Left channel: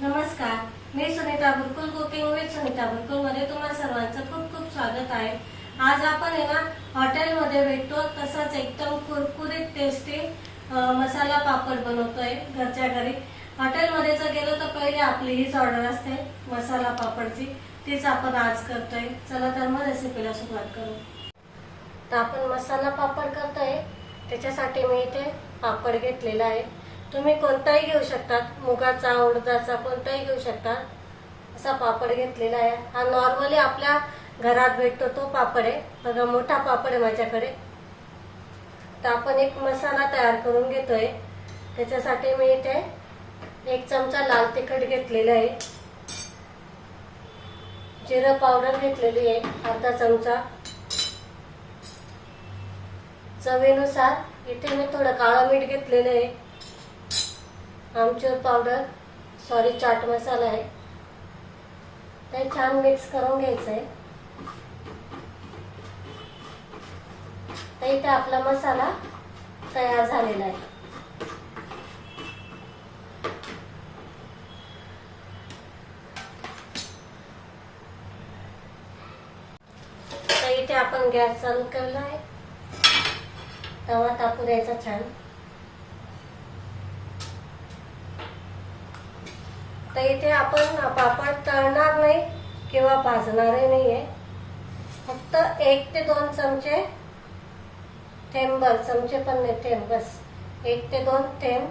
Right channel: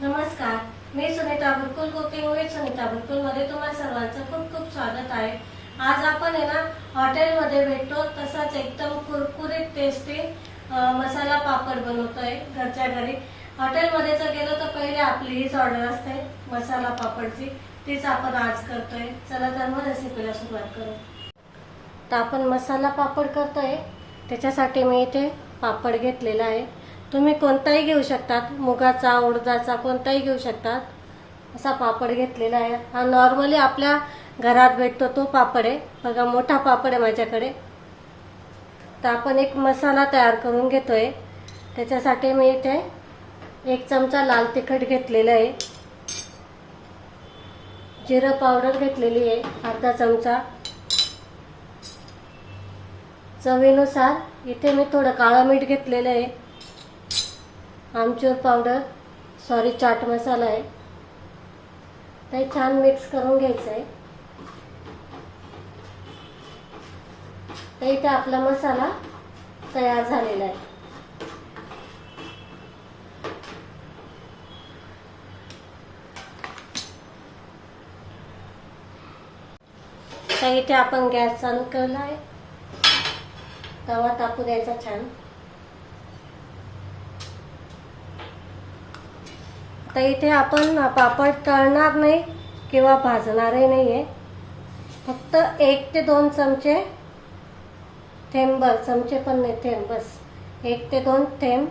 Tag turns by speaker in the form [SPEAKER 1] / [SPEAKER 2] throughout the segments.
[SPEAKER 1] नमस्कार मी Sunita Burkul cooking with Sunita बुरकुलमध्ये तुम्हा सर्वांचं खूप खूप स्वागत आहे. आज आपण आहे ना हॉटेलमध्ये भेटतो तसंच एकदम कुरकुरीत टेस्टी मसाला पापड बनवतोय घरच्या घरी. हॉटेलमध्ये जर गेलो तर पहिले आपली हीच ऑर्डर असते मसाला पापडची. तीच आपण आज करतोय. चला तर मग रेसिपीला सुरुवात करू. तर आपण मसाला पापड करतोय. त्याच्यासाठी मी इथे पापड घेतलेला आहे. तुम्ही कोणताही घेऊ शकतात. मुगाचा उडदाचा कोणताही घेऊ शकतात. असा पापड घेतलेला आहे. हा नॉर्मली आपल्या घरात भेटतो तो पापड आहे. बघा मोठा पापड आहे माझ्याकडे. तर आपण एक मसाला तयार करून घेतोय. त्याच्यासाठी मी इथे एक चमचा लाल तिखट घेतलेलं आहे. जिरं पावडर घेतलेली आहे अर्धा चमचा. चवीनुसार इथे मी थोडं काळं मीठ घेतलेलं आहे. आमचूर पावडर सॉरी चाट मसाला आहे. ते छान मिक्स करून घ्यायचं आहे तर इथे आपला मसाला तयार झालेला आहे. तर इथे आपण गॅस चालू केला आहे तवा टाकू द्यायचा छान. तर इथे आपण पापड तळणार नाही किंवा भाजणारही नाहीये. फक्त एक ते दोन चमचे थेंबर चमचे पण नाही थेंब बस. एक ते दोन थेंब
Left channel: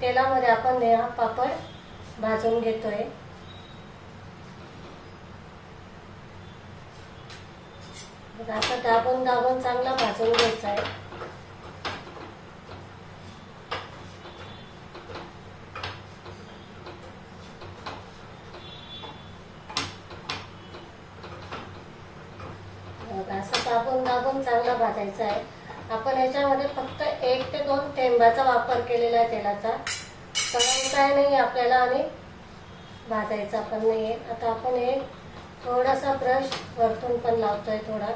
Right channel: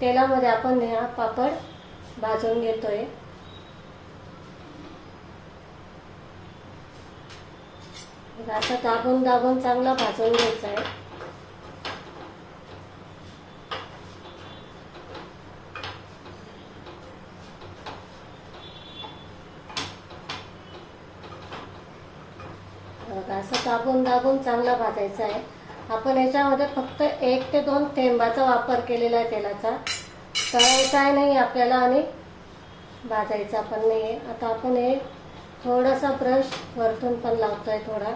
[SPEAKER 1] तेलामध्ये आपण हा पापड भाजून घेतोय. आता दाबून दाबून चांगला भाजून घ्यायचा आहे बघा, असं दाबून दाबून चांगला भाजायचा आहे. आपण याच्यामध्ये फक्त एक ते दोन थेंबाचा वापर केलेला आहे तेलाचा. तळायचा नाही आपल्याला आणि भाजायचा पण नाहीये. आता आपण हे थोडासा ब्रश वरतून पण लावतोय थोडा.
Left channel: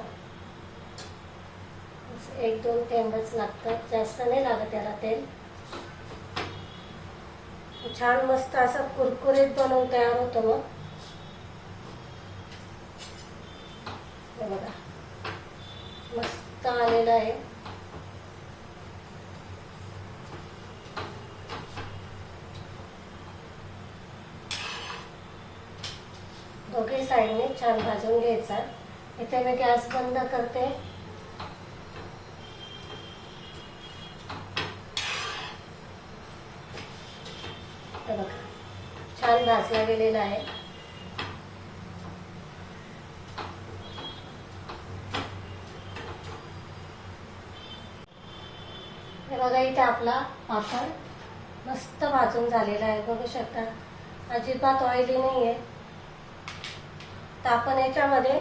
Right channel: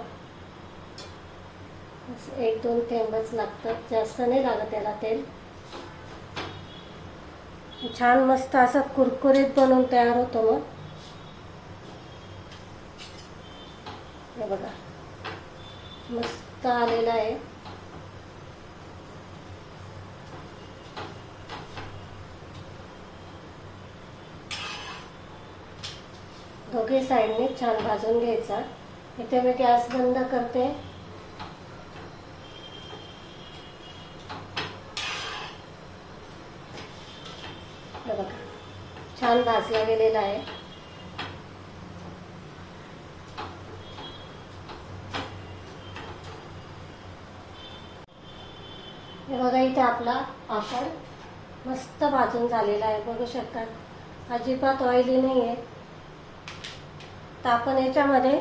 [SPEAKER 1] एक दोन थेंबच लागतात. जास्त नाही लागत त्याला तेल. छान मस्त असं कुरकुरीत बनवून तयार होतो मग. बघा. मस्त आलेला आहे. दोघे साईडने छान भाजून घ्यायचा. इथे मी गॅस बंद करते. छान भाजला गेलेला आहे. हे बघा इथे आपला पापड मस्त भाजून झालेला आहे बघू शकता. अजिबात ऑइली नाही आहे तर आपण याच्यामध्ये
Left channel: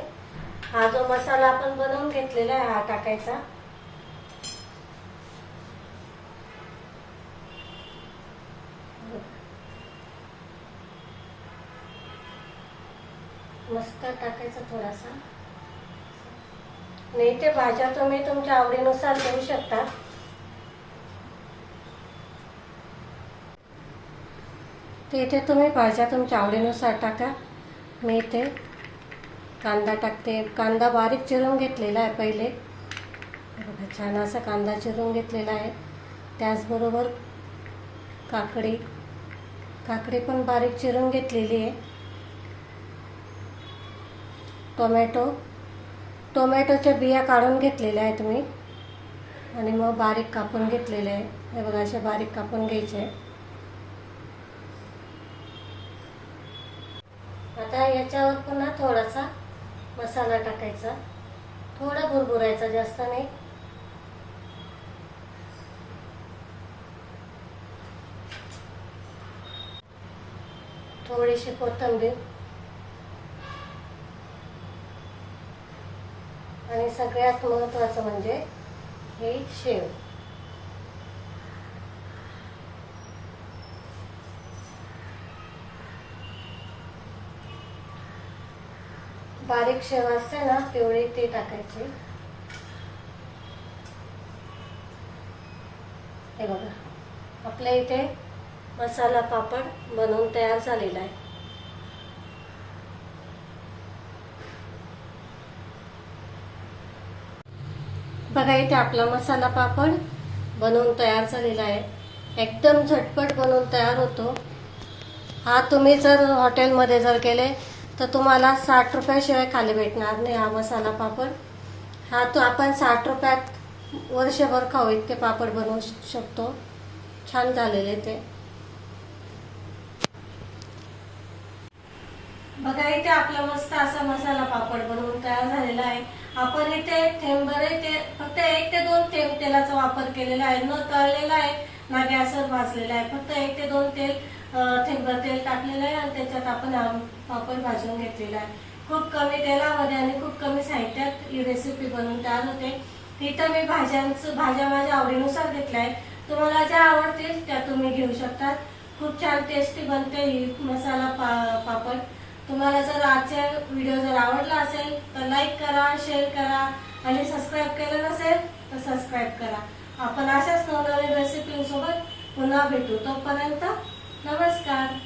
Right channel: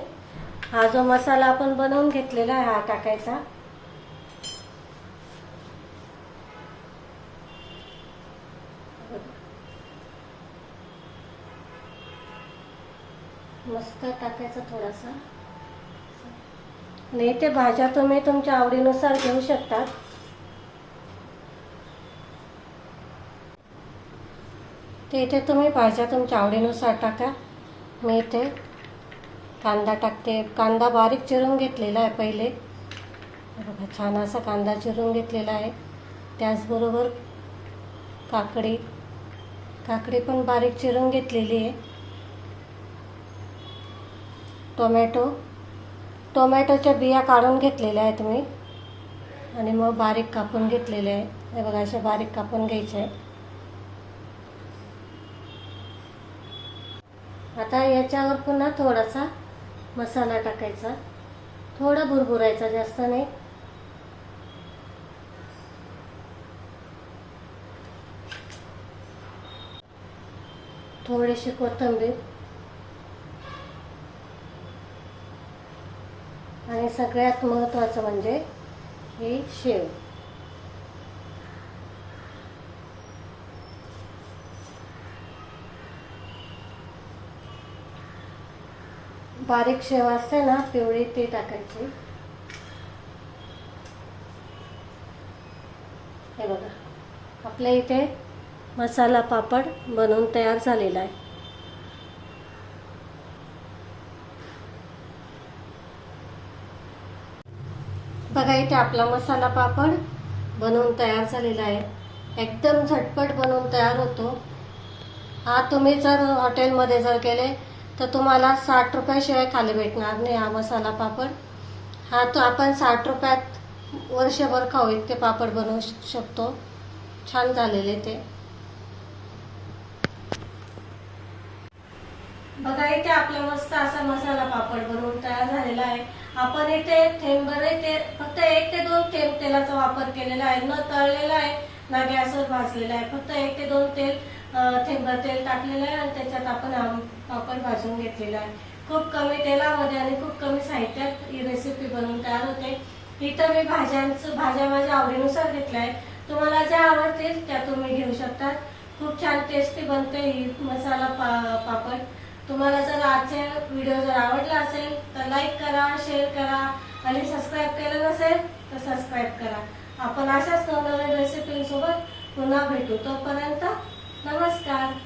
[SPEAKER 1] हा जो मसाला आपण बनवून घेतलेला आहे हा टाकायचा. मस्त टाकायचा थोडासा. नाही ते भाज्या तुम्ही तुमच्या आवडीनुसार घेऊ शकता. ते इथे तुम्ही भाज्या तुमच्या आवडीनुसार टाका. मी इथे कांदा टाकते. कांदा बारीक चिरून घेतलेला आहे पहिले. बघा छान असा कांदा चिरून घेतलेला आहे. त्याचबरोबर काकडी. काकडी पण बारीक चिरून घेतलेली आहे. टोमॅटो. टोमॅटोच्या बिया काढून घेतलेल्या आहेत मी. आणि मग बारीक कापून घेतलेले आहे. हे बघा असे बारीक कापून घ्यायचे आहे आता याच्यावर पुन्हा थोडासा मसाला टाकायचा. थोडा भुरभुरायचा जास्त नाही. थोडीशी कोथिंबीर. आणि सगळ्यात महत्वाचं म्हणजे हे शेव. बारीक शेव असते ना पिवळी ती टाकायची. हे बघा आपल्या इथे मसाला पापड बनवून तयार झालेला आहे. बघा इथे आपला मसाला पापड बनवून तयार झालेला आहे. एकदम झटपट बनवून तयार होतो. हा तुम्ही जर हॉटेलमध्ये जर केले तर तुम्हाला साठ रुपयाशिवाय खाली भेटणार नाही हा मसाला पापड. हा तो आपण साठ रुपयात वर्षभर खाऊ इतके पापड बनवू शकतो. छान झालेले ते. बघा इथे आपला मस्त असा मसाला पापड बनवून तयार झालेला आहे. आपण इथे थेंबर ते फक्त एक ते दोन थेंब तेलाचा वापर केलेला आहे. न तळलेला आहे. ना गॅसवर भाजलेला आहे. फक्त एक ते दोन तेल थेंबर तेल टाकलेलं आहे आणि त्याच्यात आपण आम पापड भाजून घेतलेला आहे. खूप कमी तेलामध्ये आणि खूप कमी साहित्यात ही रेसिपी बनवून तयार होते. इथं मी भाज्यांचं भाज्या माझ्या आवडीनुसार घेतल्या आहे तुम्हाला ज्या आवडतील त्या तुम्ही घेऊ शकता. खूप छान टेस्टी बनते ही मसाला पा- पापड. तुम्हाला जर आजचा व्हिडिओ जर आवडला असेल तर लाईक करा शेअर करा आणि सबस्क्राईब केलं नसेल तर सबस्क्राईब करा. आपण अशाच नवनवीन रेसिपींसोबत पुन्हा भेटू. तोपर्यंत नमस्कार